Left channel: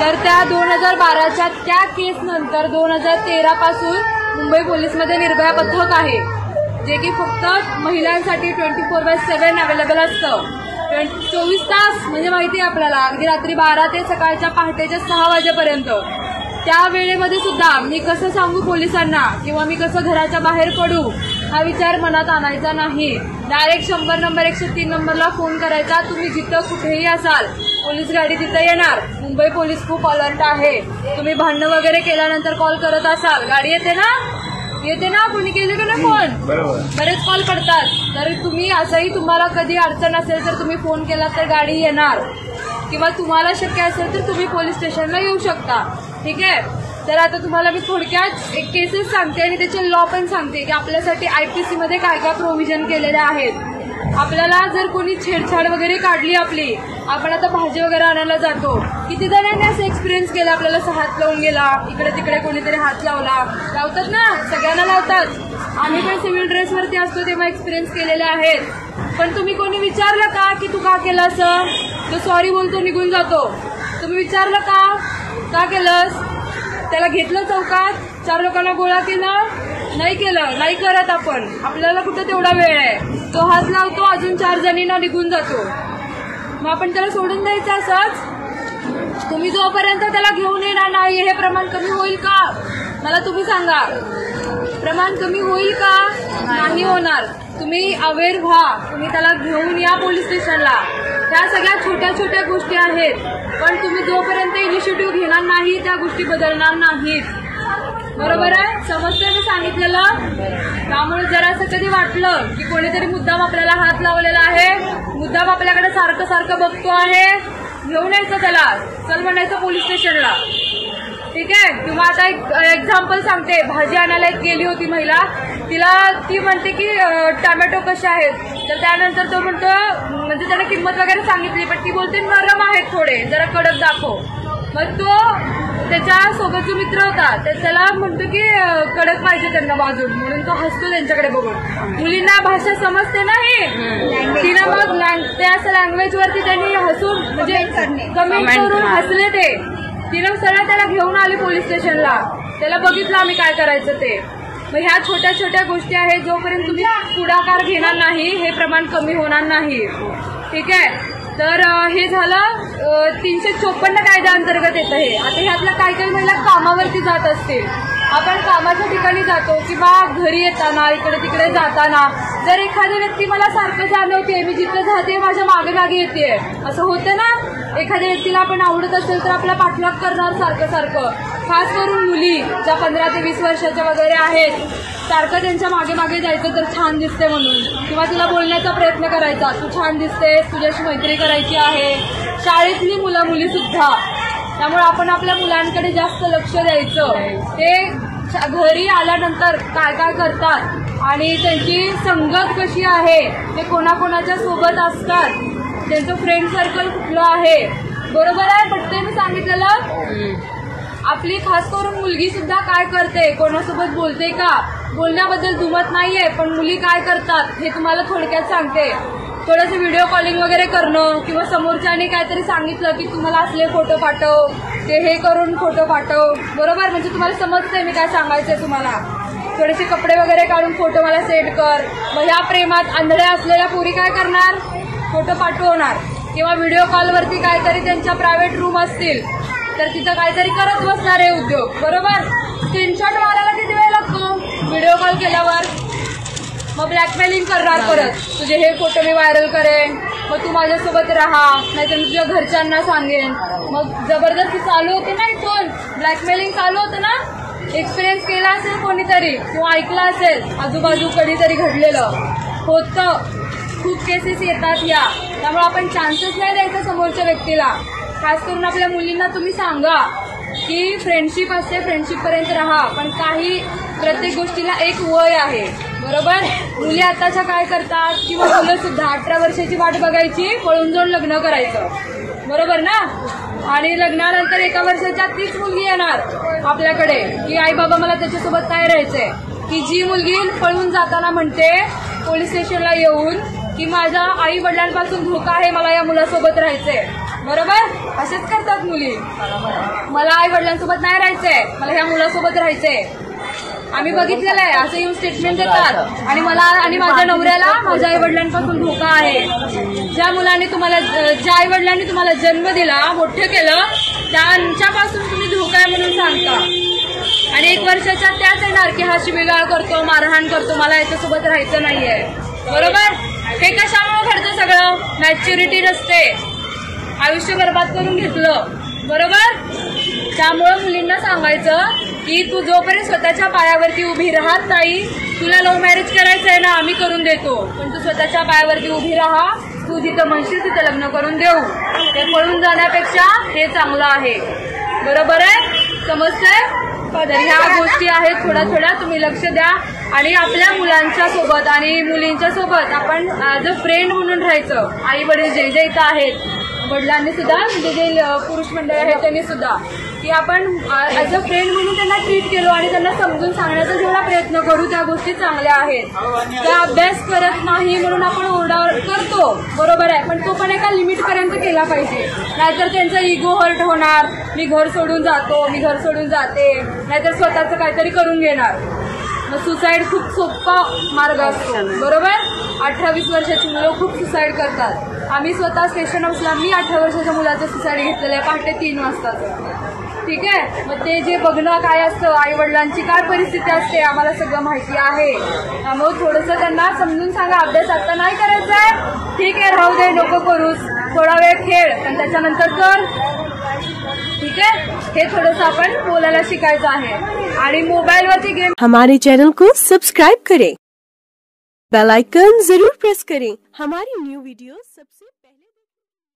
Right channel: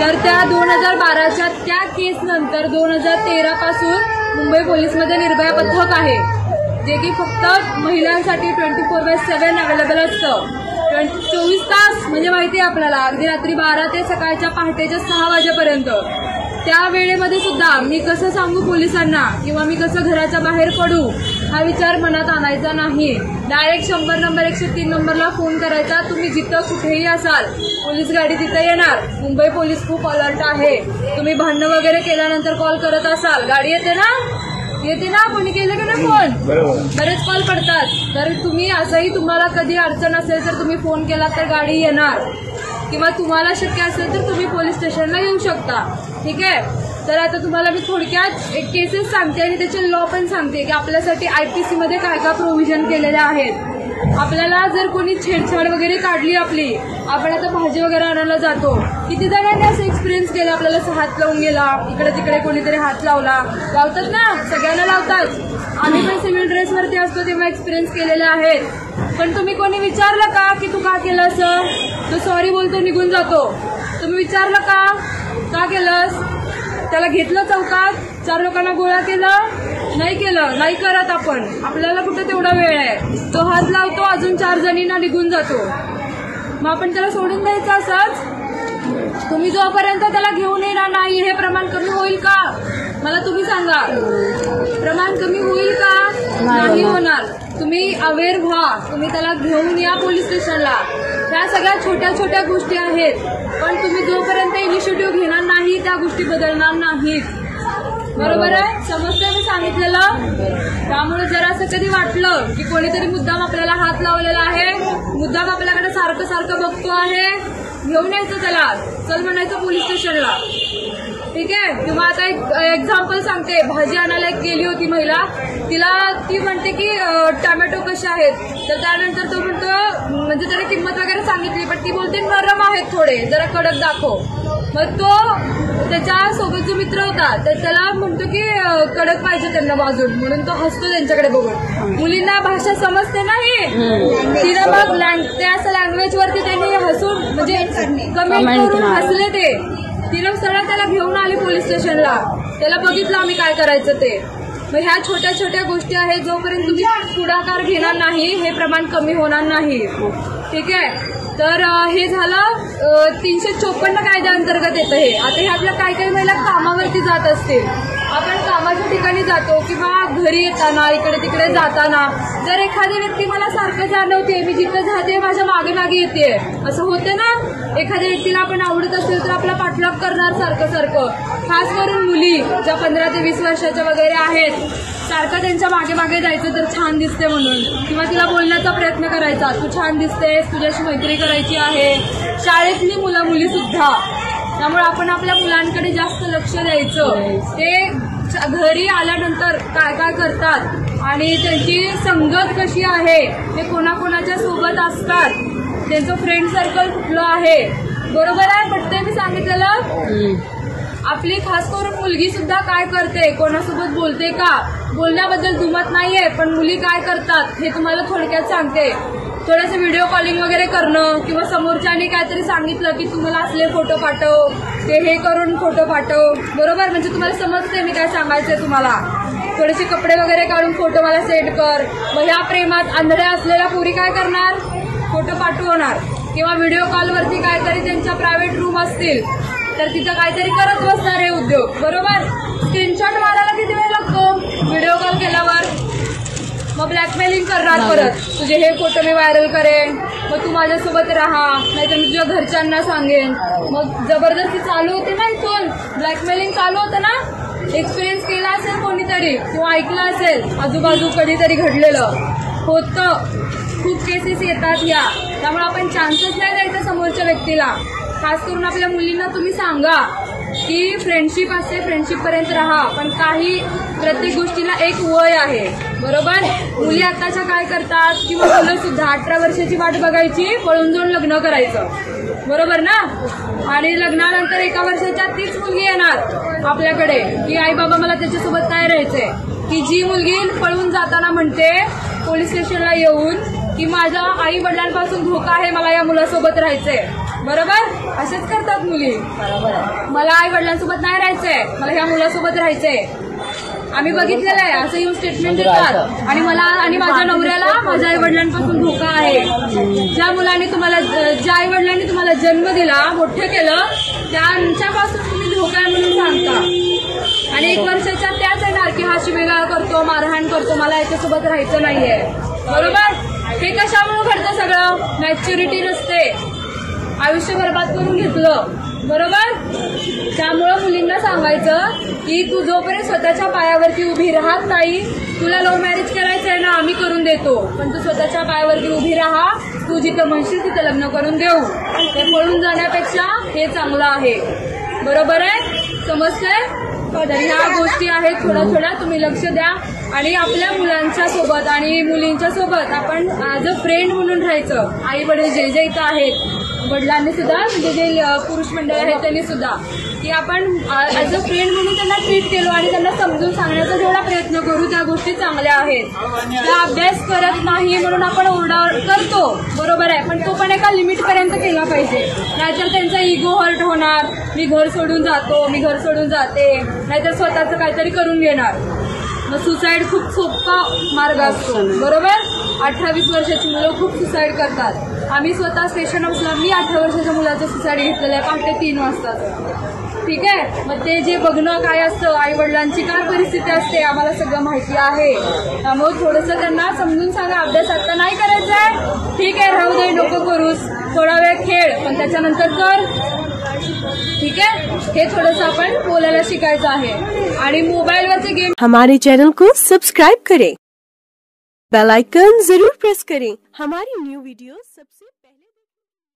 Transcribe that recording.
तर त्या 2012च्या त्या केस नंतर 2013 पासून मुंबई पोलीसमध्ये निर्भया पथक आहे, जे की फक्त महिलांसाठी 24/7 अवेलेबल असतं. 24 तास म्हणजे माहिती आहे आपल्याला, अगदी रात्री 12 ते सकाळच्या पहाटेच्या 6 वाजेपर्यंत. त्या वेळेमध्ये सुद्धा मी कसं सांगू पोलिसांना किंवा मी कसं घराच्या बाहेर पडू हा विचार मनात आणायचा नाही. डायरेक्ट 100 नंबर 103 नंबरला फोन करायचा. तुम्ही जिथं कुठेही असाल, पोलीस गाडी तिथं येणार. मुंबई पोलीस खूप अलर्ट आहे. तुम्ही भांडणं वगैरे केल्यानंतर कॉल करत असाल, गाडी येते ना कोणी केलं का नाही फोन, बरेच कॉल करतात. तर तुम्ही असंही तुम्हाला कधी अडचण असेल तर तुम्ही फोन केला तर गाडी येणार, किंवा तुम्हाला शक्य असेल तर तुम्ही पोलीस स्टेशनला येऊ शकता. ठीक आहे. तर आता तुम्हाला मी थोडक्यात एक केसेस सांगते आणि त्याचे लॉ पण सांगते की आपल्यासाठी IPC मध्ये काय काय प्रोव्हिजन केलेले आहेत. आपल्याला जर कोणी छेडछाड वगैरे काढली आपली, आपण आता भाजी वगैरे आणायला जातो, किती जणांनी असं एक्सपिरियन्स केला, आपल्याला हात लावून गेला, इकडे तिकडे कोणीतरी हात लावतात ना, सगळ्यांना लावतात. आम्ही पण सिव्हिल ड्रेसवरती असतो तेव्हा एक्सपिरियन्स केलेले आहेत. पण तुम्ही कोणी विचारलं का की तू का केलं असं? तो सॉरी बोलतो, निघून जातो. तुम्ही विचारलं का केलंस? त्याला घेतलं चौकात, 4 लोकांना गोळा केलं? नाही करत आपण. आपल्याला कुठे तेवढा वेळ आहे. तो हात लावतो, अजून 4 जणींना निघून जातो. मग आपण त्याला सोडून द्यायचं असंच? तुम्ही जोपर्यंत त्याला घेऊन येणार नाही, हे प्रमाण कमी होईल का? मला तुम्ही सांगा, प्रमाण कमी होईल का? नाही होणार. तुम्ही अवेअर व्हा, तुम्ही त्याला घेऊन या पोलीस स्टेशनला. ह्या सगळ्या छोट्या छोट्या गोष्टी आहेत, पण तुम्ही जोपर्यंत इनिशिएटिव्ह घेणार नाही त्या गोष्टी बदलणार नाहीत. बरोबर आहे? समजतंय मी सांगितलेलं? त्यामुळे जरा असं कधी वाटलं की कोणीतरी मुद्दाम आपल्याला हात लावलेला आहे, मुद्दाम आपल्याकडे सारखं बघतो आहे, घेऊन यायचं त्याला, चल म्हणायचं पोलीस स्टेशनला. ठीक आहे. किंवा आता एक एक्झाम्पल सांगते. भाजी आणायला एक गेली होती महिला, ती म्हणते की टोमॅटो कसे आहेत, तर त्यानंतर तो म्हणतो, म्हणजे त्याने किंमत वगैरे सांगितली, पण ती बोलते नरम आहेत थोडे, जरा कडक दाखव. मग तो त्याच्या सोबत जो मित्र होता त्याला म्हणतो की कडक पाहिजे त्यांना भाजून, म्हणून तो हसतो त्यांच्याकडे बघून. मुलींना भाषा समजते नाही, तिला मग त्या लँग्वेजवरती त्यांनी हसून म्हणजे कमेंट करून हसले ते. तिला सरळ त्याला घेऊन आली पोलीस स्टेशनला. त्याला बघितलं आम्ही काय करायचं ते. मग ह्या छोट्या छोट्या गोष्टी आहेत, जोपर्यंत तुम्ही पुढाकार घेणार नाही हे प्रमाण कमी होणार नाही. ठीक आहे. तर हे झालं 354 कायद्याअंतर्गत येतं हे. आता हे आपल्या काही महिला कामावरती जात असतील, आपण कामाच्या ठिकाणी जातो किंवा घरी येताना इकडे तिकडे जाताना जर एखादी व्यक्ती मला सारखं जाणवते, मी जिथं जाते माझ्या मागे येते, असं होतं ना. एखाद्या व्यक्तीला आपण आवडत असेल तर आपला पाठलाग करणार सारखं. खास करून मुली ज्या 15 ते 20 वर्षाच्या वगैरे आहेत, सारखं त्यांच्या मागे जायचं तर छान दिसते म्हणून, किंवा तिला बोलण्याचा प्रयत्न करायचा, तू छान दिसतेस, तुझ्याशी मैत्री करायची आहे. शाळेतली मुली सुद्धा. त्यामुळे आपण आपल्या मुलांकडे जास्त लक्ष द्यायचं. ते घरी आल्यानंतर काय करतात आणि त्यांची संगत कशी आहे, ते कोणाकोणाच्या सोबत असतात, त्यांचं फ्रेंड सर्कल कुठलं आहे. बरोबर आहे? पटतंय मी सांगितलेलं? आपली खास करून मुलगी सुद्धा काय करते, कोणासोबत बोलते का, बोलण्याबद्दल दुमत नाहीये, पण मुली काय करतात हे तुम्हाला थोडक्यात सांगते. थोडंसं व्हिडिओ कॉलिंग वगैरे करणं, किंवा समोरच्याने काहीतरी सांगितलं की तुम्हाला असले फोटो पाठव, ते हे करून फोटो पाठव. बरोबर? म्हणजे तुम्हाला समजतंय मी काय सांगायचंय तुम्हाला. थोडेसे कपडे वगैरे काढून फोटो मला सेंड कर. मग ह्या प्रेमात आंधळ्या असलेल्या पोरी काय करणार, फोटो पाठवणार. किंवा व्हिडिओ कॉलवरती काहीतरी त्यांच्या प्रायव्हेट रूम असतील तर तिथं काहीतरी करत बसणार आहे उद्योग. बरोबर? स्क्रीनशॉट मारायला किती वेळ लागतो व्हिडिओ कॉल केल्यावर? मग ब्लॅकमेलिंग करणार परत, तुझे हे फोटो मी व्हायरल करेन, मग तू माझ्यासोबत राहा, नाहीतर मी तुझ्या घरच्यांना सांगेन. मग जबरदस्ती चालू होते ना, इथून ब्लॅकमेलिंग चालू होतं ना. एक्सपिरियन्स केला असेल कोणीतरी किंवा ऐकलं असेल आजूबाजू कधीतरी घडलेलं होतं. खूप केसेस येतात या. त्यामुळे आपण चान्सेस नाही द्यायचा समोरच्या व्यक्तीला. खास करून आपल्या मुलींना तुम्ही सांगा की फ्रेंडशिप असते, फ्रेंडशिप पर्यंत राहा, पण प्रत्येक गोष्टीला एक वय आहे. बरोबर? मुली आताच्या काय करतात, किंवा मुलं सुद्धा 18 वर्षाची वाट बघायची, पळून जाऊन लग्न करायचं. बरोबर ना? आणि लग्नानंतर 1 वर्षाच्या तीच मुलगी येणार आपल्याकडे की आई बाबा मला त्याच्यासोबत काय राहायचंय. की जी मुलगी पळून जाताना म्हणते पोलीस स्टेशनला येऊन की माझ्या आई वडिलांपासून धोका आहे, मला या मुलासोबत राहायचंय. बरोबर? असेच करतात मुली. मला आई वडिलांसोबत नाही राहायचंय, मला ह्या मुलासोबत राहायचंय. आम्ही बघितलेलं आहे असं येऊन स्टेटमेंट देतात. आणि मला आणि माझ्या नवऱ्याला माझ्या आई वडिलांपासून धोका आहे. ज्या आई वडिलांनी तुम्हाला जन्म दिला, मोठं केलं, त्यांच्यापासून तुम्ही धोका आहे म्हणून सांगता. आणि 1 वर्षाच्या त्याच येणार की हा शिवीगाळ करतो, मारहाण करतो, मला याच्यासोबत राहायचं नाहीये. बरोबर? हे कशामुळे घडतं सगळं? मॅच्युरिटी नसते, आयुष्य बर्बाद करून घेतलं. बरोबर? त्यामुळं मुलींना सांगायचं की तू जोपर्यंत स्वतःच्या पायावरती उभी राहत नाही, तुला लव्ह मॅरेज करायचंय ना, आम्ही करून देतो, पण तू स्वतःच्या पायावरती उभी राहा. तू जिथं म्हणशील तिथं लग्न करून देऊ. ते पळून जाण्यापेक्षा हे चांगलं आहे. बरोबर आहे? समजतंय? तर ह्या गोष्टी आहेत, थोड्या तुम्ही लक्ष द्या. आणि आपल्या मुलांच्या सोबत आणि मुलींच्या सोबत आपण ॲज अ फ्रेंड म्हणून राहायचं. आई वडील जे इथं आहेत, वडिलांनी सुद्धा, म्हणजे जे पुरुष मंडळ आहेत त्यांनी सुद्धा, की आपण ॲज अ फ्रेंड म्हणून त्यांना ट्रीट केलो आणि त्यांना समजून सांगण्याचा जेवढा प्रयत्न करू त्या गोष्टी चांगल्या आहेत. त्या अभ्यास करत नाही म्हणून आपण ओरडा करतो, बरोबर आहे, पण तो पण एका लिमिटपर्यंत केला पाहिजे. नाहीतर त्यांचा इगो हर्ट होणार, मी घर सोडून जातो, मी घर सोडून जाते, नाहीतर स्वतःचं काहीतरी करून घेणार. मग सुसाईड खूप सोपा मार्ग असतो. बरोबर? 18-20 वर्षाची मुलं खूप सुसाईड करतात. आम्ही स्वतः स्टेशन हाऊसला मी 18 वर्षाच्या मुलाचं सुसाईड घेतलेलं आहे, पहाटे 3 वाजता. ठीक आहे? मग ते जे बघणं काय असतं, आई वडिलांची काय परिस्थिती असते, आम्हाला सगळं माहिती आहे. त्यामुळे थोडंसं त्यांना समजून सांगा, अभ्यास आता नाही करायचा, ठीक आहे, राहू दे, नको करूस, थोडा वेळ खेळ, पण त्याच्यानंतर कर. ठीक है? हे थोडंसं आपण बोलायला शिकायचं आहे. आणि मोबाईलवरचे गेम. हमारे चैनल को सब्सक्राइब करें, बेल आइकन जरूर प्रेस करें हमारी न्यू वीडियो सबसे